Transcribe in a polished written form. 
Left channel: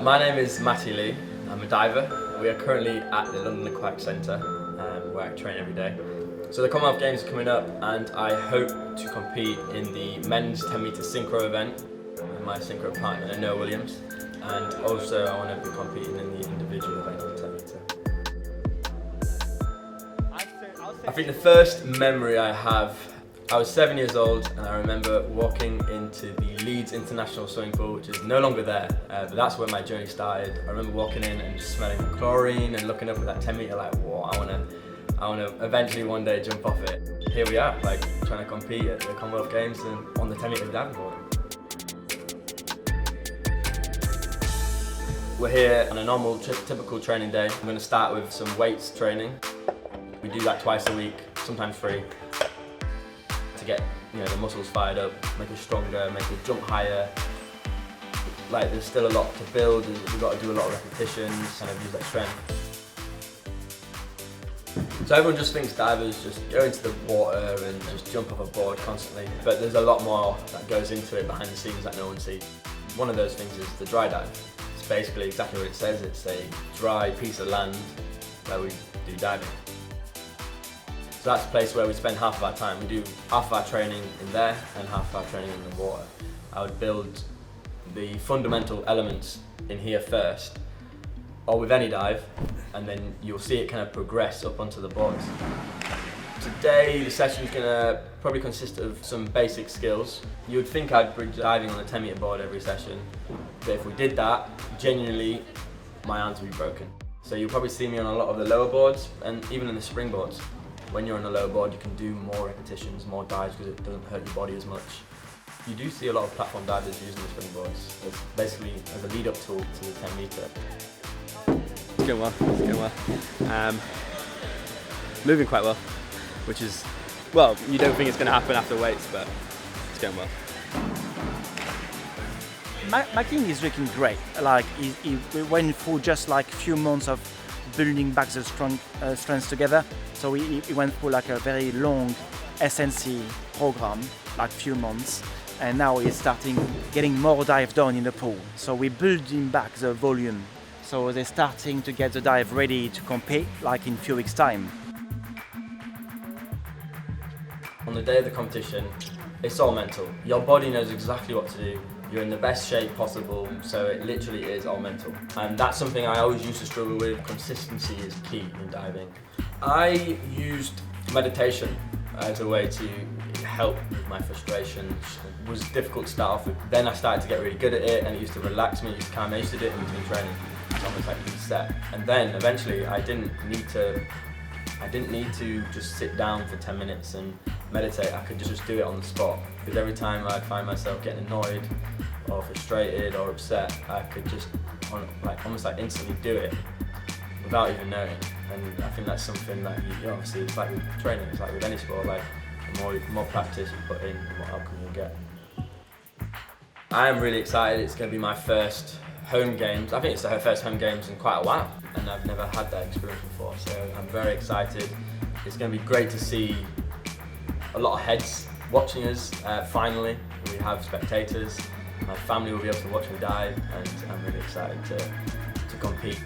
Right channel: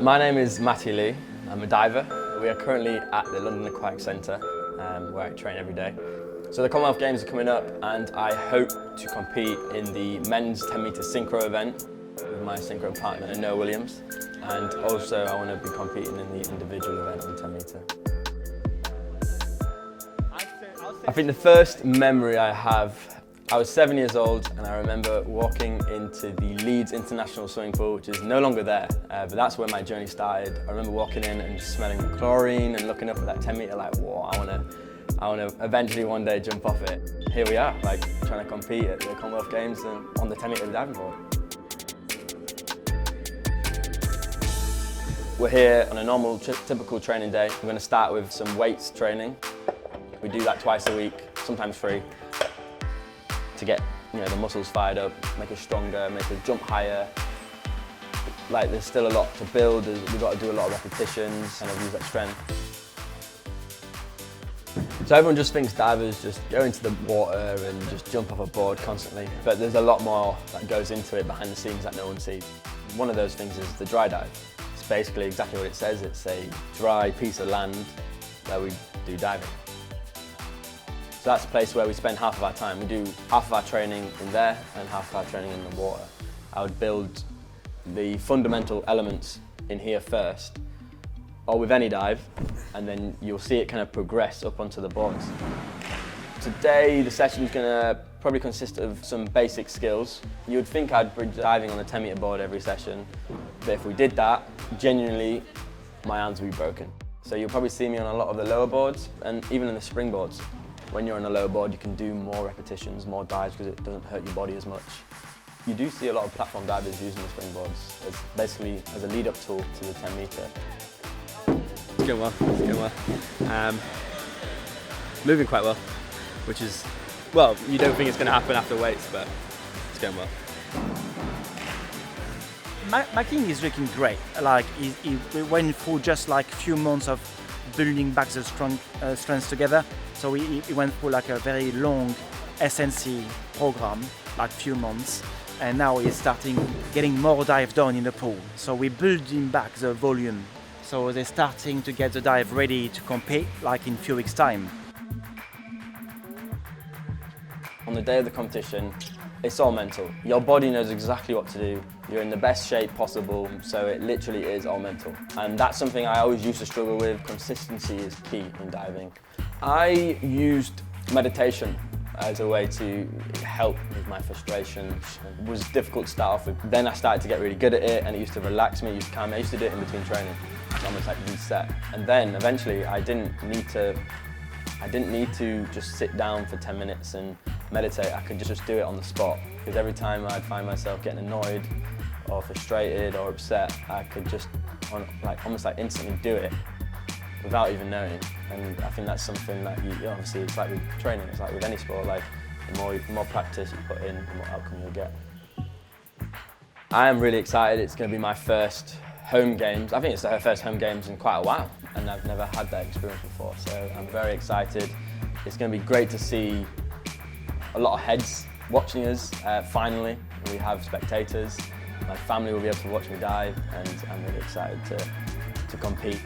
My name is Matty Lee. I'm a diver. We are currently at the London Aquatic Centre where I train every day. So the Commonwealth Games are coming up and I hope to compete in the men's 10 metre synchro event with my synchro partner Noah Williams, and also I want to be competing in the individual event on 10 metre. I think the first memory I have, I was 7 years old and I remember walking into the Leeds International Swimming Pool, which is no longer there, but that's where my journey started. I remember walking in and smelling the chlorine and looking up at that 10 metre like, whoa, I want to eventually one day jump off it. Here we are, like trying to compete at the Commonwealth Games and on the 10 metre diving board. We're here on a normal, typical training day. I'm going to start with some weights training. We do that twice a week, sometimes 3, to get the muscles fired up, make us stronger, make us jump higher. Like there's still a lot to build. We've got to do a lot of repetitions, kind of use that strength. So everyone just thinks divers just go into the water and just jump off a board constantly, but there's a lot more that goes into it behind the scenes that no one sees. One of those things is the dry dive. It's basically exactly what it says. It's a dry piece of land where we do diving. So that's a place where we spend half of our time. We do half of our training in there and half of our training in the water. I would build the fundamental elements in here first, or with any dive, and then you'll see it kind of progress up onto the boards. Today, the session's gonna probably consist of some basic skills. You would think I'd be diving on a 10 metre board every session, but if we did that, genuinely, my hands would be broken. So you'll probably see me on a lot of the lower boards, and even in the springboards. When you're on the lower board, you can do more repetitions, more dives, because it doesn't hurt your body as much. You do see a lot of platform divers using the springboards as basically as a lead-up tool to the 10 metre. It's going well, it's going well. Moving quite well, which is, well, you don't think it's going to happen after weights, but it's going well. Matty is looking great. Like he went through just like a few months of building back the strength together. So he went through like a very long SNC program, like few months, and now he's starting getting more dive done in the pool. So we build him back the volume. So they're starting to get the dive ready to compete like in a few weeks' time. On the day of the competition, it's all mental. Your body knows exactly what to do. You're in the best shape possible, so it literally is all mental. And that's something I always used to struggle with. Consistency is key in diving. I used meditation as a way to help with my frustration. It was difficult to start off with. Then I started to get really good at it, and it used to relax me, it used to calm me. I used to do it in between training. It's almost like reset. And then eventually I didn't need to just sit down for 10 minutes and meditate. I could just do it on the spot. Because every time I'd find myself getting annoyed or frustrated or upset, I could just almost like instantly do it without even knowing. And I think that's something that you obviously, it's like training, it's like with any sport, like the more practice you put in, the more outcome you'll get. I am really excited. It's going to be my first home games. I think it's her first home games in quite a while, and I've never had that experience before, so I'm very excited. It's going to be great to see a lot of heads watching us. Finally, we have spectators. My family will be able to watch me dive, and I'm really excited to compete.